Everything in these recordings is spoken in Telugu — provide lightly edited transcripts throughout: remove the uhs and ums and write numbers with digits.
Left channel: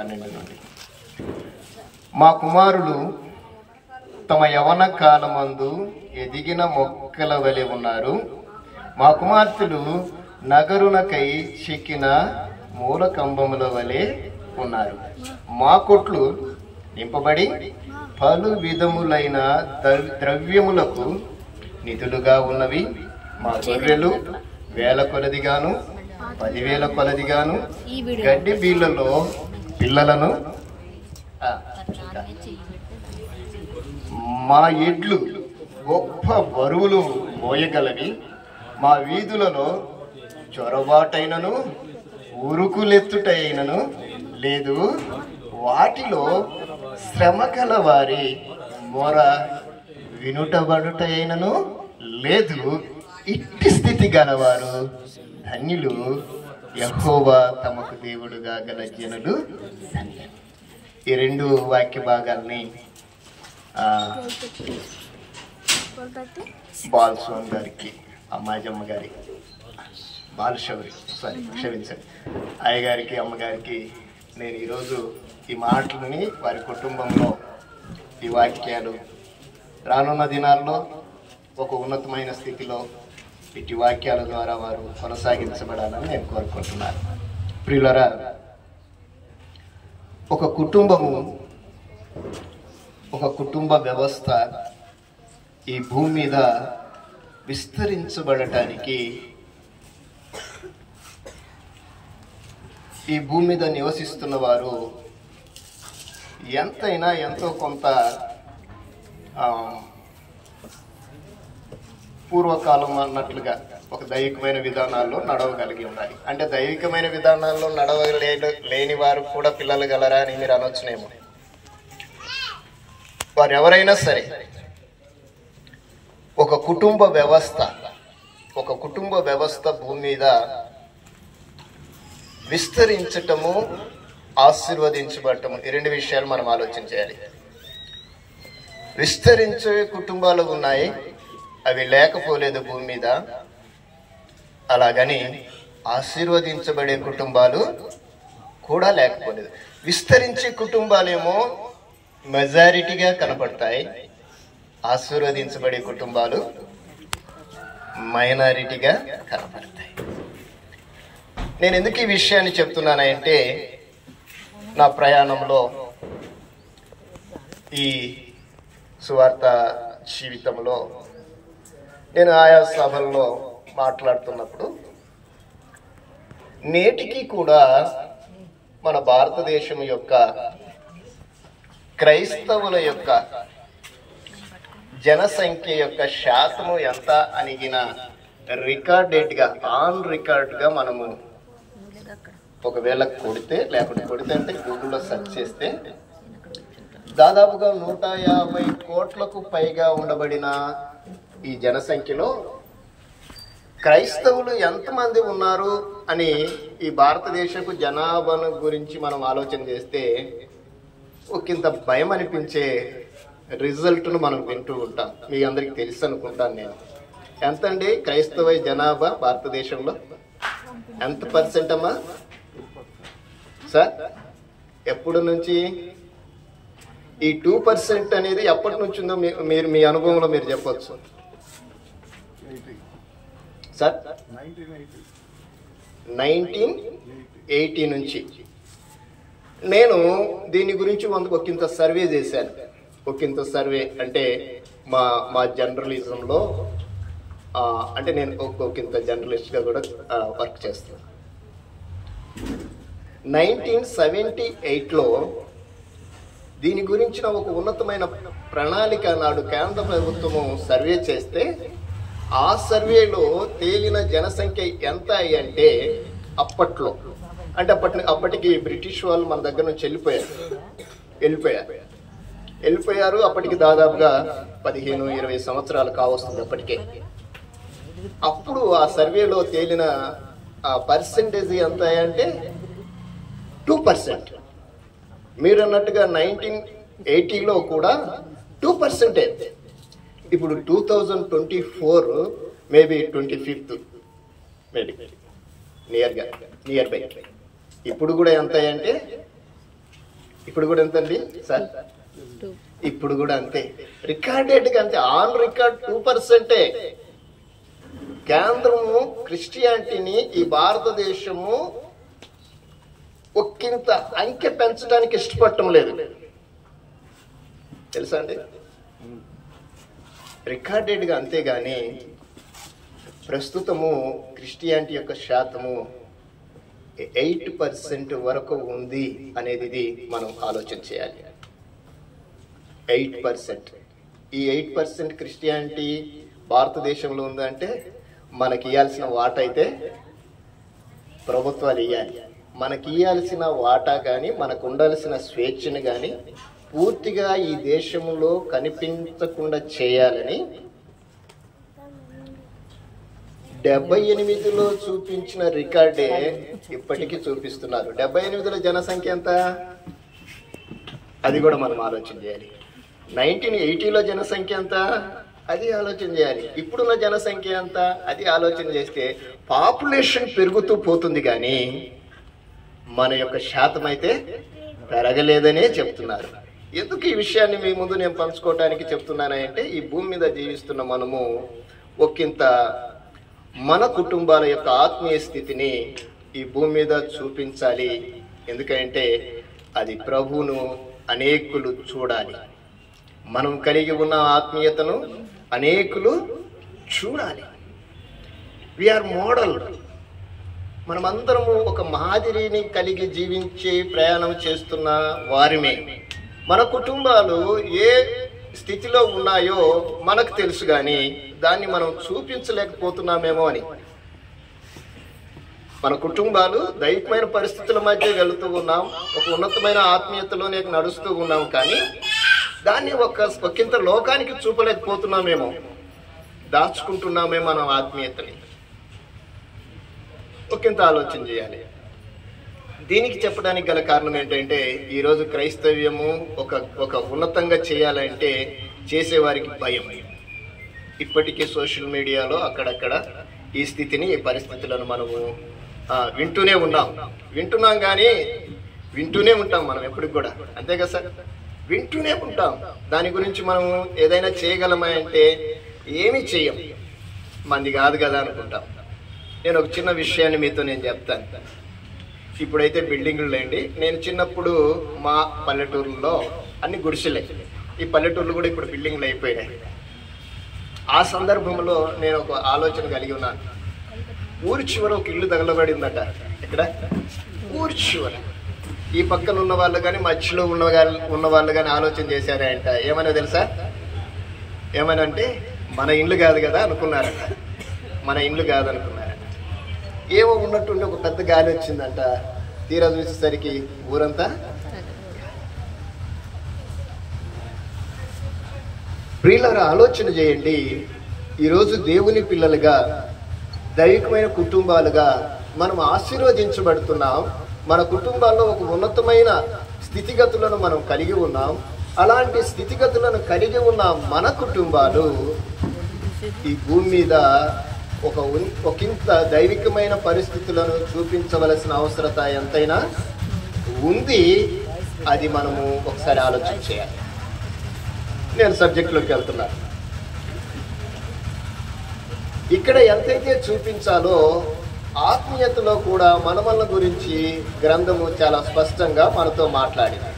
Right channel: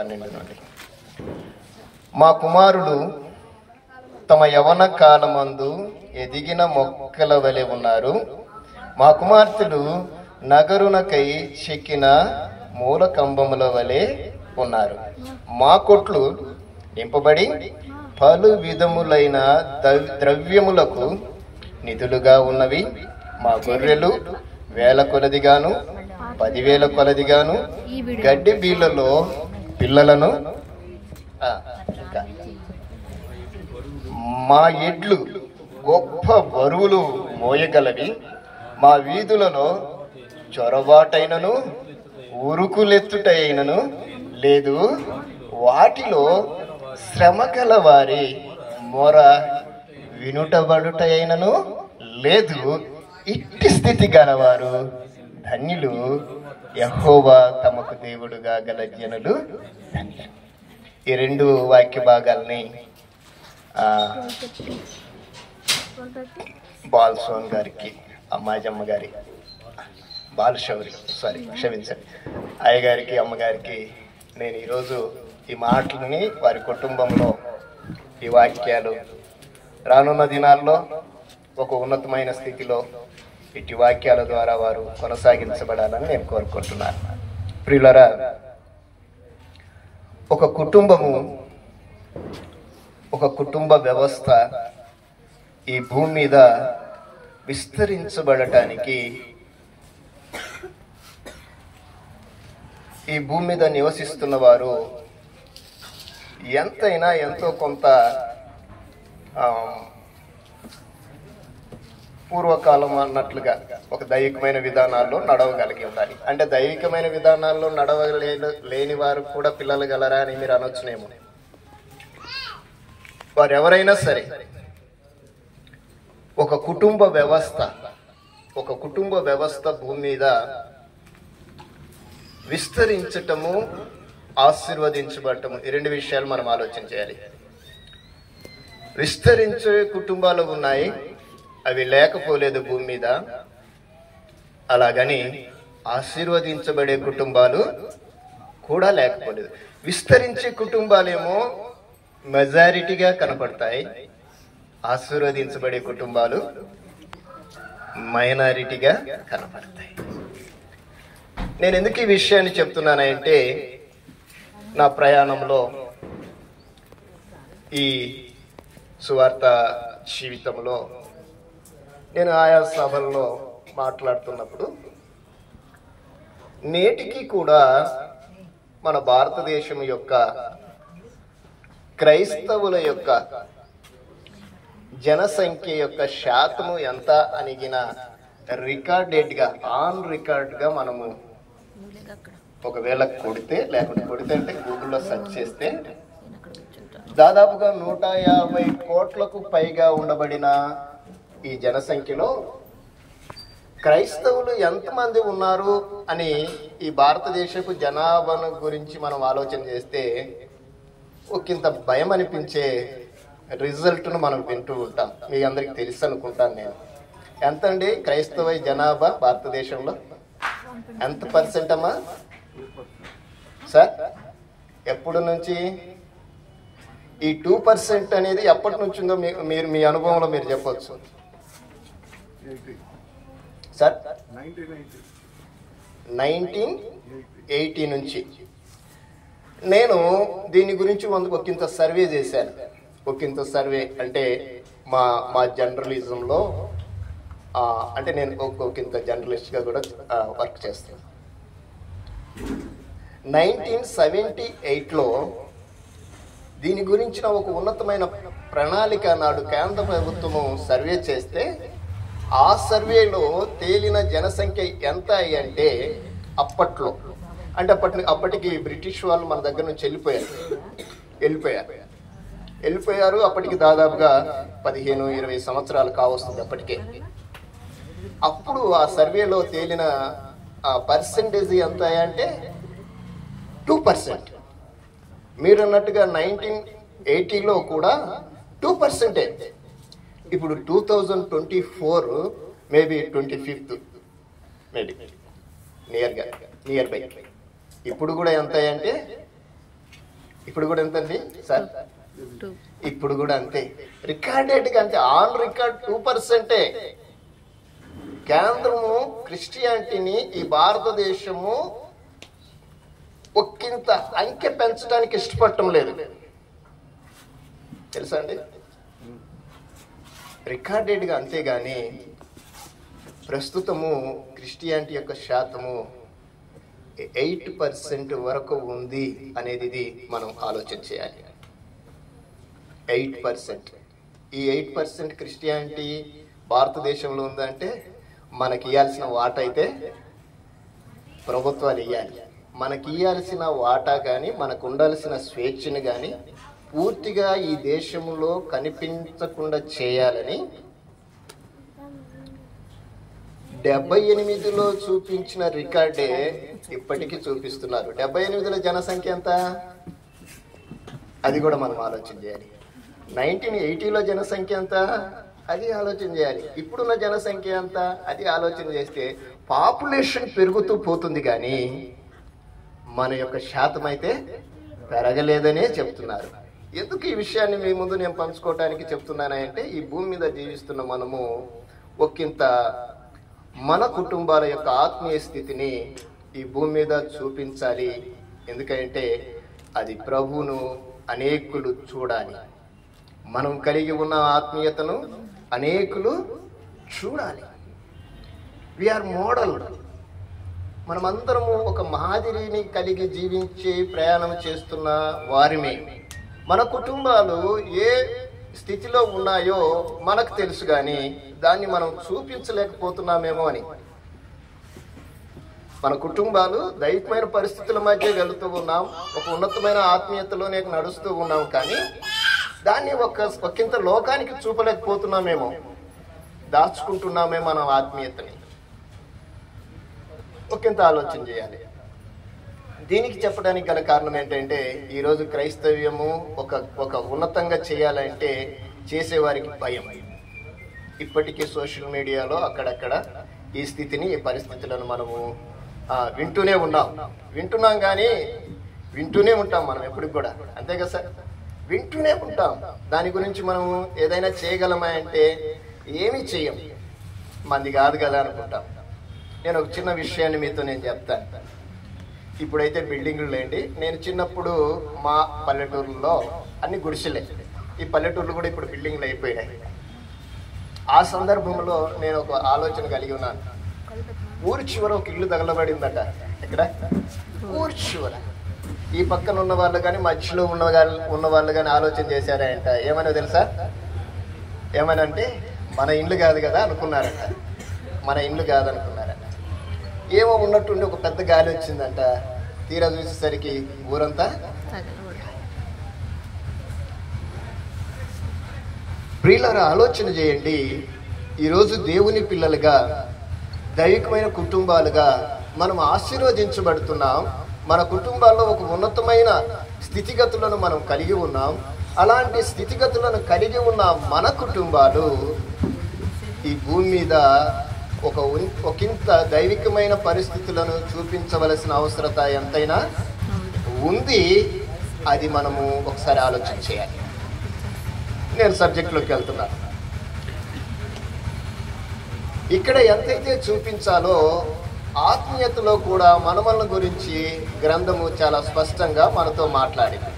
12 నుండి. మా కుమారులు తమ యవన కాలమందు ఎదిగిన మొక్కల వలె ఉన్నారు. మా కుమార్తెలు నగరునకై చెక్కిన మూల కంబముల వలె ఉన్నారు. మా కొట్లు నింపబడి పలు విధములైన ద్రవ్యములకు నిధులుగా ఉన్నవి. మా గొర్రెలు 1000 కొలదిగాను 10,000 కొలదిగాను గడ్డి బీళ్ళలో పిల్లలను, మా ఎడ్లు గొప్ప బరువులు మోయగలవి. మా వీధులలో చొరబాటైనను ఉరుకులెత్తుటైనను లేదు. వాటిలో శ్రమ గల వారి మొర వినుటబడుటైనను లేదు. ఇట్టి స్థితి గలవారు ధన్యులు. యెహోవా తమకు దేవుడుగా గల జనులు ధన్యులు. ఈ 2 వాక్య భాగాల్ని బాలసోన్ గారికి, అమ్మాజమ్మ గారి, క్షమించండి, అయ్యగారికి, అమ్మగారికి నేను ఈరోజు ఈ మాటలని వారి కుటుంబంలో ఈ వాక్యాలు రానున్న దినాల్లో ఒక ఉన్నతమైన స్థితిలో ఇటు వాక్యాల ద్వారా వారు కొనసాగించబడాలని నేను కోరుకుంటున్నాను. ప్రియులరా, ఒక కుటుంబ వ్యవస్థ ఈ భూమి మీద విస్తరించబడటానికి, ఈ భూమి మీద నివసిస్తున్న వారు ఎంతో కొంత పూర్వకాలం అన్నట్లుగా ఒక దైవికమైన విధానాల్లో నడవగలిగి ఉండాలి. అంటే దైవికమైన విధానాల్లో నడవలేని వారు కూడా పిల్లలు గలరా అని మీరు అనొచ్చునేమో. వారు ఎవరైనా సరే ఒక కుటుంబ వ్యవస్థ భూమి మీద విస్తరించటము, ఆశీర్వదించబడటము, ఈ 2 విషయాలు మనం ఆలోచన చేయాలి. విస్తరించే కుటుంబాలు ఉన్నాయి, అవి లేకపోలేదు భూమి మీద. అలాగని ఆశీర్వదించబడే కుటుంబాలు కూడా లేకపోలేదు. విస్తరించే కుటుంబాలేమో మెజారిటీగా కనపడతాయి, ఆశీర్వదించబడే కుటుంబాలు మైనారిటీగా కనపడతాయి. నేను ఎందుకు ఈ విషయాన్ని చెప్తున్నానంటే, నా ప్రయాణంలో ఈ సువార్త జీవితంలో నేను ఆయా సభల్లో మాట్లాడుతున్నప్పుడు నేటికి కూడా మన భారతదేశం యొక్క క్రైస్తవుల యొక్క జనసంఖ్య యొక్క శాతము ఎంత అనిగిన రికార్డెడ్గా, ఆన్ రికార్డ్గా మనము ఒకవేళ కొడితే అంటే గూగుల్లో సెర్చ్ చేస్తే దాదాపుగా 150 కోట్లకు పైగా ఉండబడిన ఈ జనసంఖ్యలో క్రైస్తవులు ఎంతమంది ఉన్నారు అని ఈ భారతదేశపు జనాభాను గురించి మనం ఆలోచన చేస్తే ఒకంత భయం అనిపించే రిజల్ట్ను మనం వింటూ ఉంటాం. మీ అందరికి తెలుసు అనుకుంటాను నేను. ఎంతండి క్రైస్తవ జనాభా భారతదేశంలో? ఎంత పర్సెంట్ అమ్మా సార్? ఎప్పుడు నుంచి ఈ 2% అనేది ఎప్పటి నుంచి ఉందో మీరు మీ అనుభవంలో మీరు చెప్పొచ్చు సార్? 1980 నుంచి. నేను దీని గురించి ఒకంత సర్వే చేశాను. ఒకంత సర్వే అంటే మా జర్నలిజంలో, అంటే నేను ఒకంత జర్నలిస్ట్గా కూడా వర్క్ చేస్తాను. 1978లో దీని గురించిన ఒక ఉన్నతమైన ప్రణాళిక నాడు కేంద్ర ప్రభుత్వము సర్వే చేస్తే, ఆ సర్వేలో తేలిన జనసంఖ్య ఎంత అంటే అప్పటికి బ్రిటిష్ వాళ్ళు మన దగ్గర నుంచి వెళ్ళిపోయారు. అప్పటికి దాదాపుగా 15-20 సంవత్సరాలు కావస్తుంది అప్పటికే. అప్పుడు ఆ సర్వేలో తేలిన పర్సెంటేజ్ ఎంత అంటే 2%. మీరు అన్నట్టుగా 1980లో కూడా 2%. ఇప్పుడు 2024 maybe 25th maybe near by ఇప్పుడు కూడా ఎంత అంటే ఇప్పుడు కూడా ఎంతండి సార్? ఇప్పుడు కూడా అంతే. రికార్డెడ్గా అంతే, ఆన్ రికార్డ్ 2%. కేంద్రము క్రిస్టియానిటీని ఈ భారతదేశము ఒక్కింత అంకె పెంచడానికి ఇష్టపడటం లేదు, తెలుసా అండి? రికార్డెడ్గా అంతేగాని ప్రస్తుతము క్రిస్టియానిటీ యొక్క శాతము 8% వరకు ఉంది అనేది ఇది మనం ఆలోచన చేయాలి. 8%. ఈ 8% క్రిస్టియానిటీ భారతదేశంలో ఉందంటే మనకి ఇవ్వాల్సిన వాటా అయితే ప్రభుత్వాలు ఇవ్వాలి. మనకి ఇవ్వాల్సిన వాటా కానీ, మనకు ఉండాల్సిన స్వేచ్ఛను కానీ పూర్తిగా ఈ దేశంలో కనిపించకుండా చేయాలని 78లో చూపించిన రికార్డే ఇప్పటికీ చూపిస్తున్నారు. 78లో జనసంఖ్య ఎంత? అది కూడా మనం ఆలోచన చేయాలి. 1980లో జనసంఖ్య ఎంత? అది ఆలోచన చేయాలి. ఇప్పుడున్న జనసంఖ్య ఎంత? అది ఆలోచన చేస్తే పాపులేషన్ పెరుగుతూ పోతుంది కానీ మన యొక్క శాతం అయితే పెరగలేదనే చెప్తున్నారు. ఎందుకు ఈ విషయాన్ని మీ ముందు నేను పంచుకోవటానికి చెప్తున్నానంటే, ఈ భూమి మీద జీవిస్తున్న మనము ఒకంత మన కుటుంబాల యొక్క ఆత్మీయ స్థితిని ఈ భూమి మీద చూపించాలి. ఎందుకంటే అది ప్రభువును అనేకులు చూడాలి. మనం కలిగి ఉన్న ఆత్మీయతను అనేకులు చూడాలి. We are model. మనమందరము ఒక మాదిరిని కలిగి జీవించే ప్రయాణం చేస్తున్న వారిమే. మన కుటుంబాలు ఏ స్థితిలో ఉన్నాయో మనకు తెలుసు, కానీ దాన్ని మనం చూపించలేకపోతున్నామేమో అని. మన కుటుంబాలు దైవికమైన పరిస్థితుల మధ్య వెళుతూ ఉన్నాం, ఒక ఉన్నతమైన ఆత్మీయతలోనే నడుస్తూ ఉన్నాం, కానీ దాన్ని ఒకంత లోకానికి చూపలేకపోతున్నామేమో, దాచుకుంటున్నామే మన ఆత్మీయతని. ఒకంత ఆలోచన చేయాలి. దీనికి చెప్పడానికి గల కారణం ఏంటంటే, ఈరోజు క్రైస్తవ్యము ఒక ఉన్నతంగా చేయాలంటే చేసేవారికి భయం. ఇప్పటికీ సోషల్ మీడియాలో అక్కడక్కడ ఈ స్థితిని, ఈ పరిస్థితులను మనము వింటున్నాం కానీ వింటూనే ఉంటాం మనం ఎప్పటికి కూడా, అంతే కదా సార్? వింటూనే ఉంటాం. దాని గురించి మనము ఏదైనా చేయగలమా అంటే ఏమీ చేయం, మంది కాదు కదా అనుకుంటాం. నేను ఒక చిన్న విషయాన్ని మీతో నేను చెప్తాను. ఇప్పుడైతే బిల్డింగ్లు లేండి, నేను చిన్నప్పుడు మా పల్లెటూరులో అన్ని గుడిసెలే. ఈ పల్లెటూర్లు కూడా ఇప్పుడు బిల్డింగ్లు అయిపోయినాయి. ఆ సందర్భంలో నేను ఒక ఆలోచన కలిగి ఉన్నాను. ఊరి చివర ఒక ఇల్లు తగలబడిందట. ఇక్కడ ఊరి చివర ఈ పక్కన ఉన్న వాళ్ళు కానీ మధ్యలో ఉన్న వాళ్ళు కానీ ఆలోచన చేశారంట. ఏమైనా తెలుసా? ఏమనంటే మన ఇల్లు కాదు కదా అనుకున్నారట. మన ఇల్లు కాదనుకున్నారట. ఏమో ఉన్నట్టుండి ఒక పెద్ద గాలి వచ్చిందంట. తీరా చూసేసరికి ఊరంతా. ప్రియులారా, ఆలోచన చేయండి. ఈరోజు దేవుని పిల్లలుగా, దైవికమైన కుటుంబాలుగా మనం ఆశీర్వదించబడుతున్నాం. మన కుటుంబాల్లో ఒక ఉన్నతమైన స్థితిగతులను మనం కలిగి ఉన్నాం. అలాంటి స్థితిగతులను కలిగి ఉన్న మన కుటుంబాలు ఈ భూమి మీద ఒకంత దైవికమైన పరిస్థితులను చూపించవలసిన అవసరత ఎంతైనా ఉంది. అది మనము ఒకసారి ఆలోచన చేయాలి. నేను సబ్జెక్టులోకి వెళ్తున్నాను. ఇక్కడ ఎంతైతే చూపించాలో ఆత్మీయతలో కూడా మనమల గురించి గ్రంథము చాలా స్పష్టంగా మనతో మాట్లాడింది.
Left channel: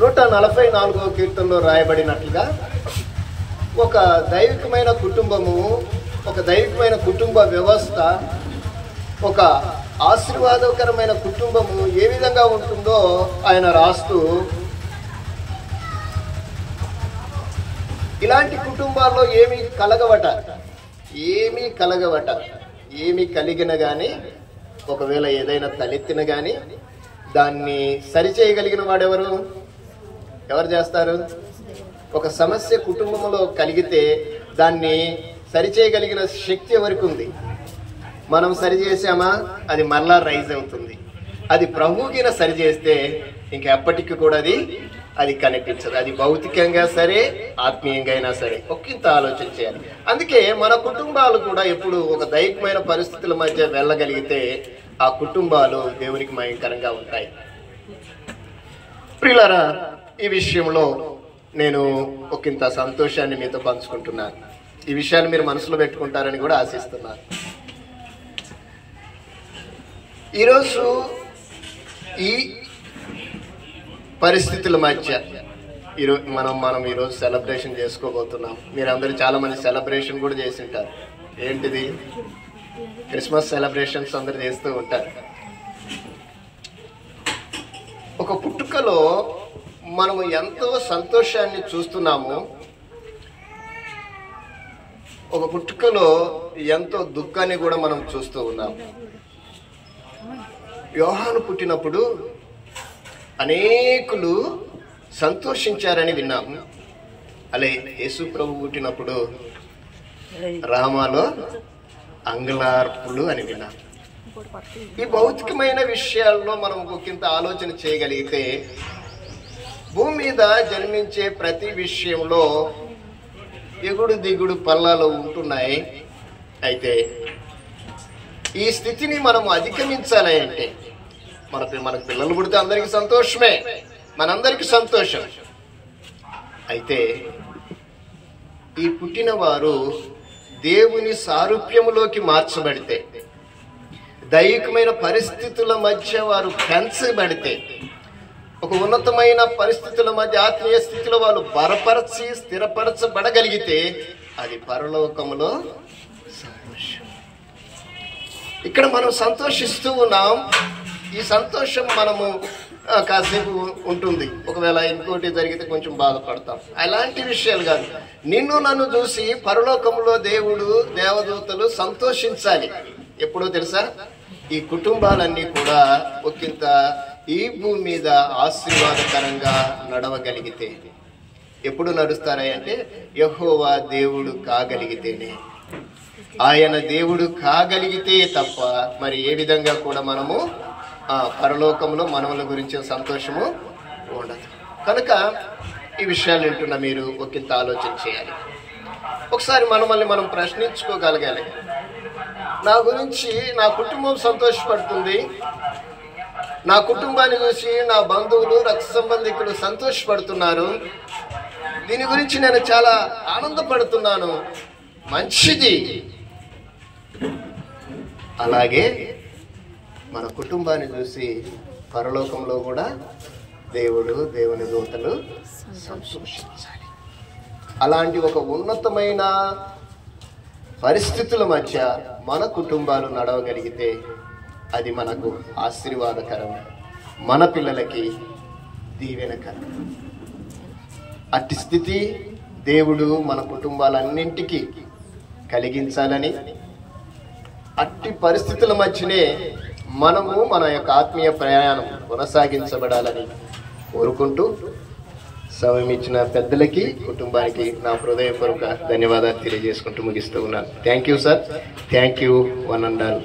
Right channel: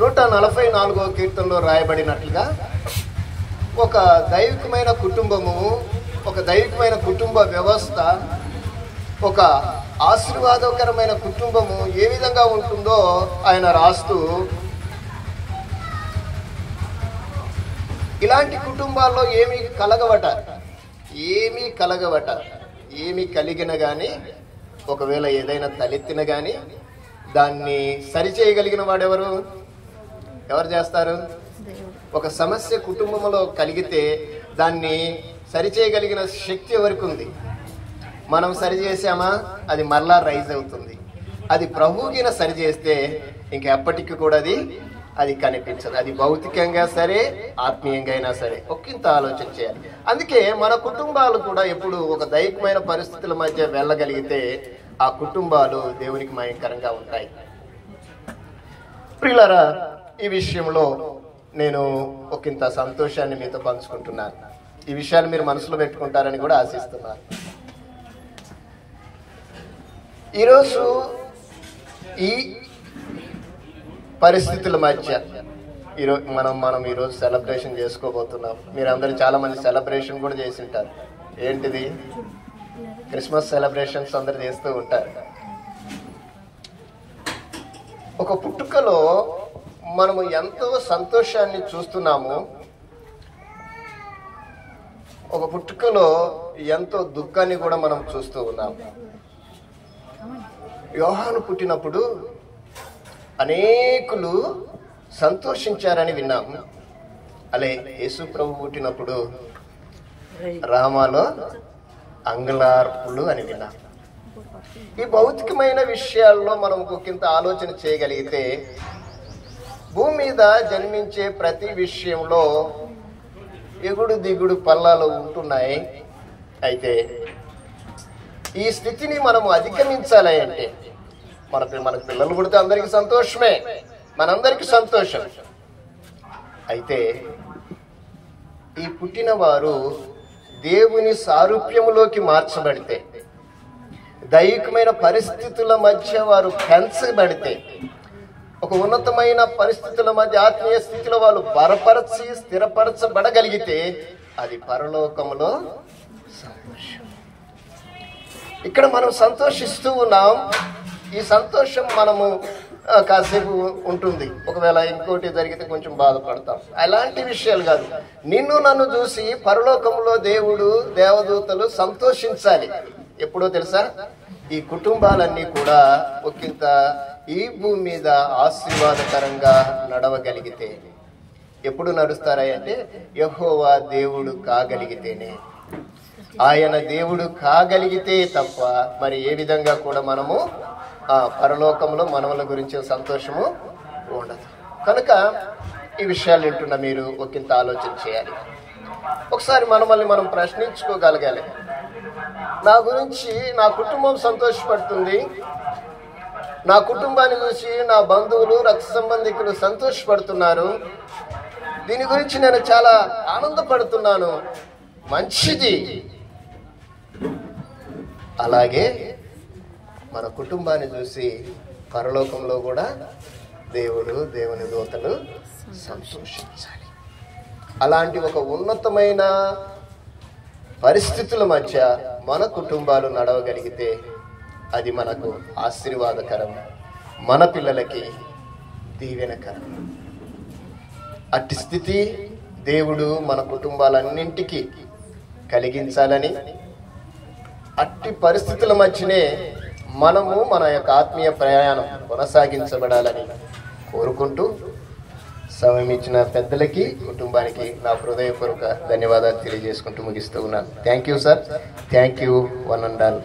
144వ కీర్తనలో రాయబడినట్లుగా ఒక దైవికమైన కుటుంబము, ఒక దైవికమైన కుటుంబ వ్యవస్థ, ఒక ఆశీర్వాదకరమైన కుటుంబము ఏ విధంగా ఉంటుందో ఆయన రాస్తూ, ఇలాంటి కుటుంబాల్లో ఏమీ కలిగిన కానీ, ఒకవేళ ఏదైనా తలెత్తిన కానీ దాన్ని సరిచేయగలిగిన వాడెవరు? ఎవరు చేస్తారు? ఒక సమస్య కుటుంబంలో కలిగితే దాన్ని సరిచేయగలిగిన శక్తి ఎవరికి ఉంది? మనం సరిచేసామా అది మరలా రైజ్ అవుతుంది. అది ప్రభువుకిన సరిచేస్తే ఇంకెప్పటికీ కూడా అది కనిపించదు. అది భౌతికంగా సరే, ఆత్మీయంగా అయినా సరే. ఒకంత ఆలోచన చేయాలి. అందుకే మన కుటుంబాలు కూడా ఎప్పుడు ఒక దైవికమైన పరిస్థితుల మధ్య వెళ్ళగలిగితే ఆ కుటుంబాలు దేవునికి మయంకరంగా ఉంటాయి. ప్రియులారా, ఈ విషయంలో నేను ఒకంత సంతోషాన్ని మీతో పంచుకుంటున్నాను. ఈ విషయాన్ని మీరు మనసులో పెట్టుకుంటారని కూడా ఆశిస్తున్నాను. ఈరోజు ఈ పరిస్థితుల మధ్య ఈరోజు మనం ఈరోజు సెలబ్రేషన్ చేసుకోబోతున్నాం. మీరందరూ చాలా మంది సెలబ్రేషన్ కూడా చేసి ఉంటారు. ఏంటిది? క్రిస్మస్ సెలబ్రేషన్స్ అందరు చేస్తూ ఉంటారు. ఒక పుట్టుకలో మనము ఎంతో సంతోషాన్ని చూస్తున్నాము, ఒక పుట్టుకలో ఎంతో దుఃఖాన్ని కూడా మనం చూస్తూ ఉన్నాము. యోహాను పుట్టినప్పుడు అనేకులు సంతోషించారని విన్నాము. అలే యేసు ప్రభు పుట్టినప్పుడు రామాలో అంగలార్పులు అని విన్నాం. ఈ భౌతికమైన విషయాల్లో మనం ఒకంత ఆలోచన చేయగలిగితే భూమి మీద జన్మించే ప్రతి విషయంలో ఎగుడు దిగుడు పల్లాలు ఉంటున్నాయి. అయితే ఈ స్థితిని మనము అధిగమించాలి అంటే మనకు పిల్లలు పుడితే అందరికీ సంతోషమే, మనందరికీ సంతోషం. అయితే ఈ పుట్టిన వారు దేవుని సారూప్యములోకి మార్చబడితే, దైవికమైన పరిస్థితుల మధ్య వారు పెంచబడితే, ఒక ఉన్నతమైన పరిస్థితుల మధ్య ఆత్మీయ స్థితిలో వాళ్ళు బలపరచి స్థిరపరచబడగలిగితే అది పరలోకములో సంతోషం. ఇక్కడ మనం సంతోషిస్తూ ఉన్నాం. ఈ సంతోషం మనము కాసేపు ఉంటుంది, ఒకవేళ ఇంకోటి జరిగితే కొంచెం బాధపడతాం. అలాంటి విషయాలు కాదు. నిన్ను నన్ను చూసి పరలోకంలో దేవుడు దేవదూతలు సంతోషించాలి. ఎప్పుడో తెలుసా? ఈ కుటుంబాలన్నీ కూడా ఒకంత ఈ భూమి మీద ఆశీర్వాదకరంగా నడవగలిగితే. ఎప్పుడు నడుస్తారా అంటే యెహోవా దేవుడు కాగలిగితేనే. ఆయన దేవుడు కాగలిగితే తప్ప మరి ఏ విధంగా కూడా మనము పరలోకంలో మనవుల గురించి సంతోషము ఉండదు. కనుక ఈ విషయాలు వింటున్న మీరు ఒకంత ఆలోచన చేయాలి. ఒకసారి మనల్ని మనం ప్రశ్నించుకోగలగాలి. నా గురించి నా కుటుంబం సంతోషపడుతుంది, నా కుటుంబాన్ని చూసి నా బంధువులు రక్త సంబంధికులు సంతోషపడుతున్నారు, దీని గురించి నేను చాలా ఆనందపడుతున్నాను, మంచిది. అలాగే మన కుటుంబాన్ని చూసి పరలోకంలో కూడా దేవుని దూతలు సంతోషించాలి. అలాంటి ఒక ఉన్నతమైన పరిస్థితుల మధ్య మన కుటుంబాలు నడవగలిగితే అది మనకు ఆశీర్వాదకరం, మన పిల్లలకి దీవెనకరం. అట్టి స్థితి దేవుడు మన కుటుంబాలన్నింటికి కలిగించాలని, అట్టి పరిస్థితుల మధ్యనే మనము మన యొక్క ఆత్మీయ ప్రయాణం కొనసాగించబడాలని కోరుకుంటూ సమయం ఇచ్చిన పెద్దలకి, కుటుంబానికి నా హృదయపూర్వక ధన్యవాదాలు తెలియజేసుకుంటూ ముగిస్తూ ఉన్నాను. Thank you sir. Thank you one and all.